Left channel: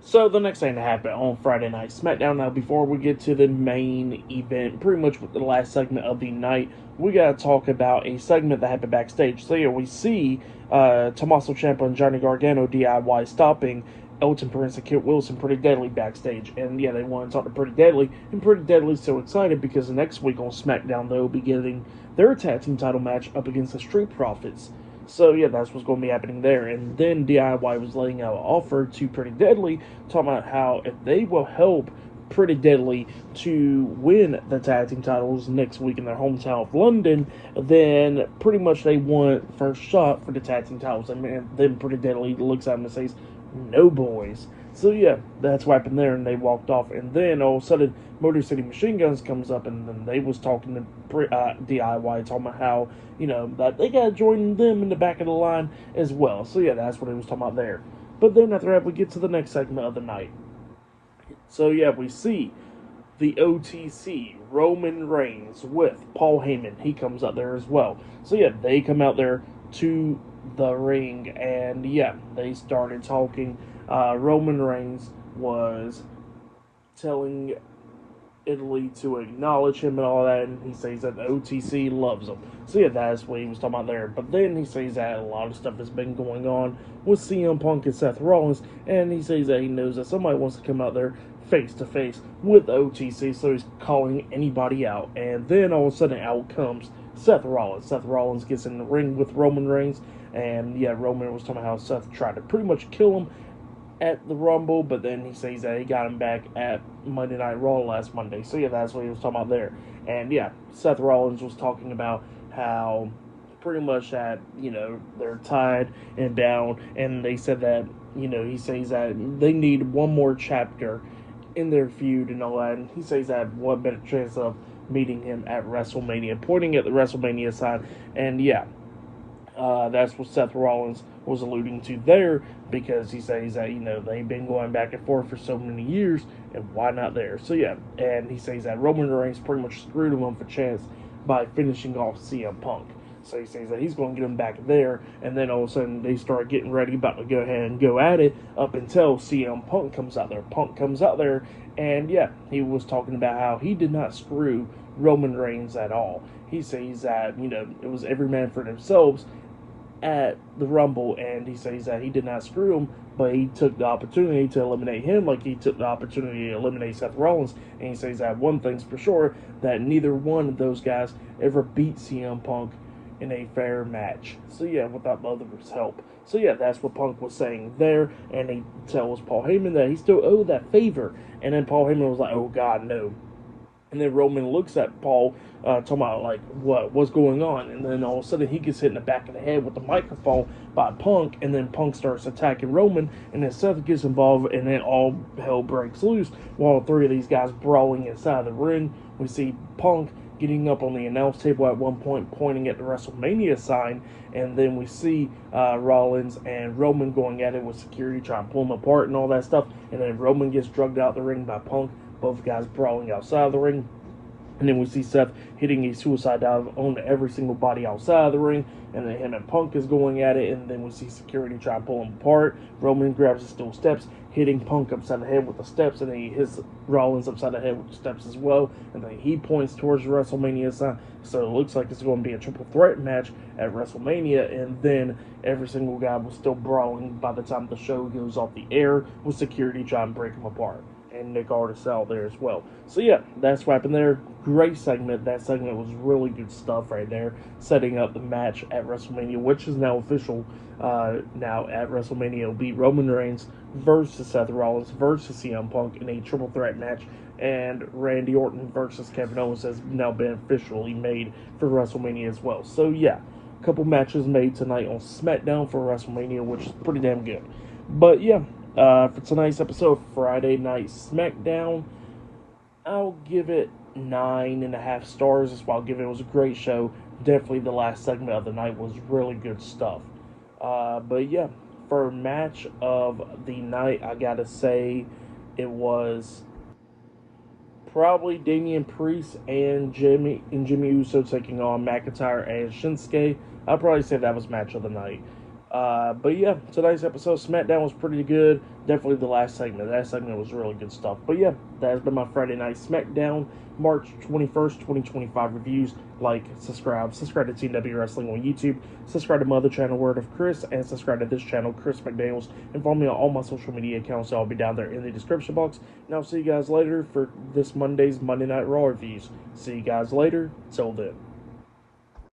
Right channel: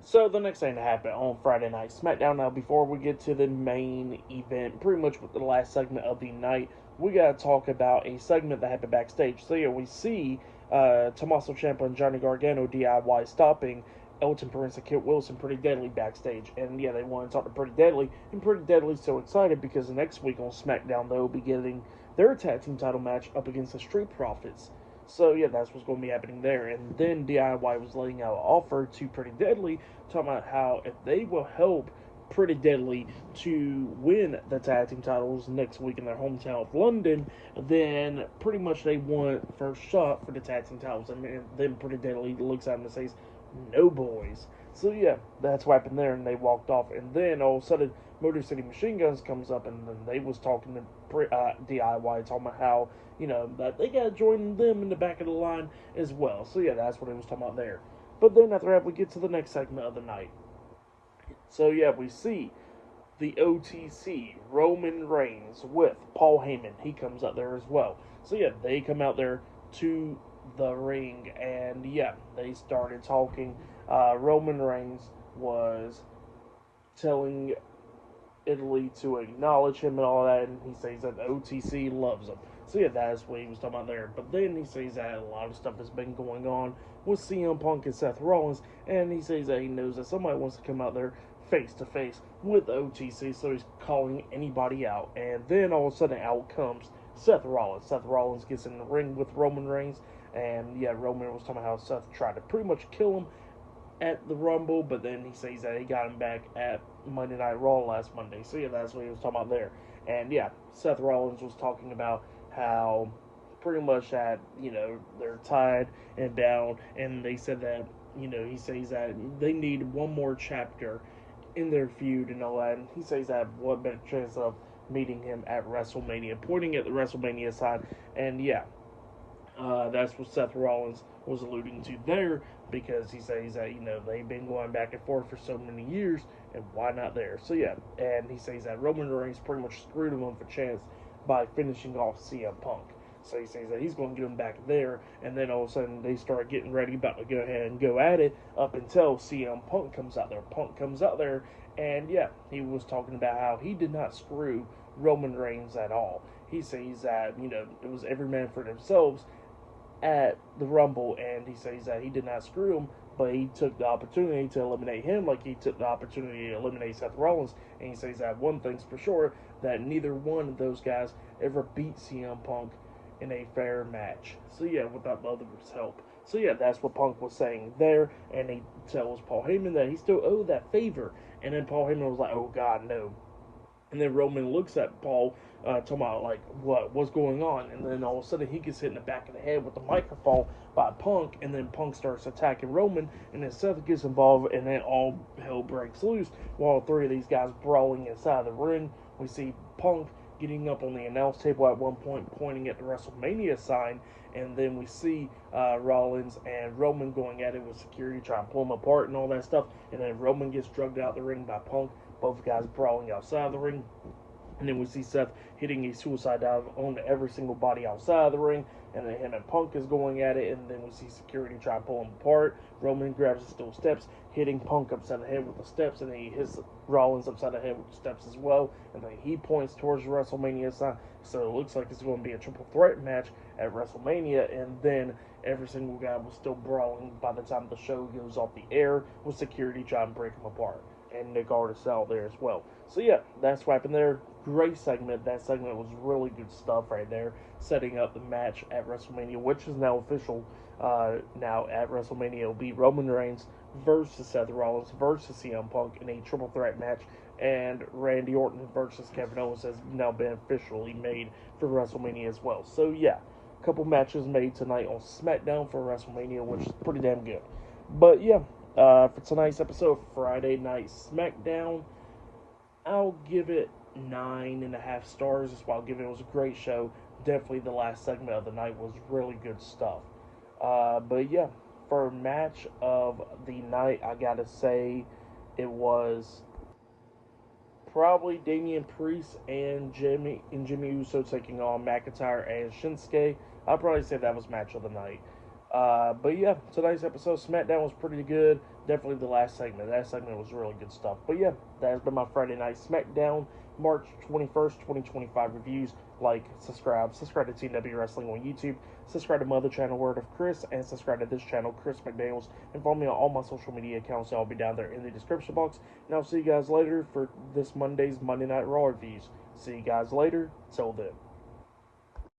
So the next thing to happen on Friday Night SmackDown. Now, before we get to the main event, pretty much with the last segment of the night, we gotta talk about a segment that happened backstage. So yeah, we see Tommaso Ciampa and Johnny Gargano DIY stopping Elton Prince and Kit Wilson Pretty Deadly backstage, and yeah, they want to talk to Pretty Deadly, and Pretty Deadly's so excited because the next week on SmackDown they'll be getting their tag team title match up against the Street Profits. So yeah, that's what's going to be happening there. And then DIY was laying out an offer to Pretty Deadly, talking about how if they will help Pretty Deadly to win the tag team titles next week in their hometown of London, then pretty much they want first shot for the tag team titles. And then Pretty Deadly looks at him and says, "No, boys." So yeah, that's what happened there, and they walked off. And then all of a sudden, Motor City Machine Guns comes up, and then they was talking to DIY, talking about how that they got to join them in the back of the line as well. So yeah, that's what he was talking about there. But then after that, we get to the next segment of the night. So yeah, we see the OTC Roman Reigns with Paul Heyman. He comes out there as well. So yeah, they come out there to the ring, and yeah, they started talking. Roman Reigns was telling Italy to acknowledge him and all that, and he says that the OTC loves him. So yeah, that's what he was talking about there. But then he says that a lot of stuff has been going on with CM Punk and Seth Rollins, and he says that he knows that somebody wants to come out there face to face with OTC, so he's calling anybody out. And then all of a sudden out comes Seth Rollins. Seth Rollins gets in the ring with Roman Reigns, and yeah, Roman was talking about how Seth tried to pretty much kill him at the Rumble, but then he says that he got him back at Monday Night Raw last Monday. So yeah, that's what he was talking about there. And yeah, Seth Rollins was talking about how pretty much that they're tied and bound, and they said that he says that they need one more chapter in their feud and all that. And he says that what better chance of meeting him at WrestleMania, pointing at the WrestleMania side. And yeah, that's what Seth Rollins was alluding to there, because he says that they've been going back and forth for so many years, and why not there? So yeah, and he says that Roman Reigns pretty much screwed him up for chance by finishing off CM Punk. So he says that he's going to get him back there, and then all of a sudden they start getting ready, about to go ahead and go at it, up until CM Punk comes out there. Punk comes out there, and yeah, he was talking about how he did not screw Roman Reigns at all. He says that it was every man for themselves at the Rumble, and he says that he did not screw him, but he took the opportunity to eliminate him like he took the opportunity to eliminate Seth Rollins. And he says that one thing's for sure, that neither one of those guys ever beat CM Punk in a fair match. So yeah, without the other's help. So yeah, that's what Punk was saying there, and he tells Paul Heyman that he still owed that favor. And then Paul Heyman was like, "Oh God, no." And then Roman looks at Paul, talking about like what's going on, and then all of a sudden he gets hit in the back of the head with the microphone by Punk, and then Punk starts attacking Roman, and then Seth gets involved, and then all hell breaks loose. While three of these guys brawling inside the ring, we see Punk getting up on the announce table at one point, pointing at the WrestleMania sign, and then we see Rollins and Roman going at it with security, trying to pull them apart and all that stuff, and then Roman gets drugged out the ring by Punk. Both guys brawling outside of the ring. And then we see Seth hitting a suicide dive on every single body outside of the ring. And then him and Punk is going at it. And then we see security try to pull him apart. Roman grabs the steel steps, hitting Punk upside the head with the steps. And then he hits Rollins upside the head with the steps as well. And then he points towards the WrestleMania sign. So it looks like it's going to be a triple threat match at WrestleMania. And then every single guy was still brawling by the time the show goes off the air, with security trying to break them apart. And Nick Aldis out there as well. So yeah, that's what happened there. Great segment. That segment was really good stuff right there, setting up the match at WrestleMania, which is now official. Now at WrestleMania, it'll be Roman Reigns versus Seth Rollins versus CM Punk in a triple threat match, and Randy Orton versus Kevin Owens has now been officially made for WrestleMania as well. So yeah, a couple matches made tonight on SmackDown for WrestleMania, which is pretty damn good. But yeah, for tonight's episode of Friday Night SmackDown, I'll give it 9.5 stars. That's why I'll give it. It was a great show. Definitely the last segment of the night was really good stuff. But yeah, for match of the night, I gotta say it was probably Damian Priest and Jimmy Uso taking on McIntyre and Shinsuke. I'd probably say that was match of the night. But yeah, tonight's episode of SmackDown was pretty good. Definitely the last segment. That segment was really good stuff. But yeah, that has been my Friday Night SmackDown, March 21st, 2025 reviews. Like, subscribe to TW Wrestling on YouTube, subscribe to my other channel, Word of Chris, and subscribe to this channel, Chris McDaniels, and follow me on all my social media accounts. I'll be down there in the description box. And I'll see you guys later for this Monday's Monday Night Raw reviews. See you guys later. Till then.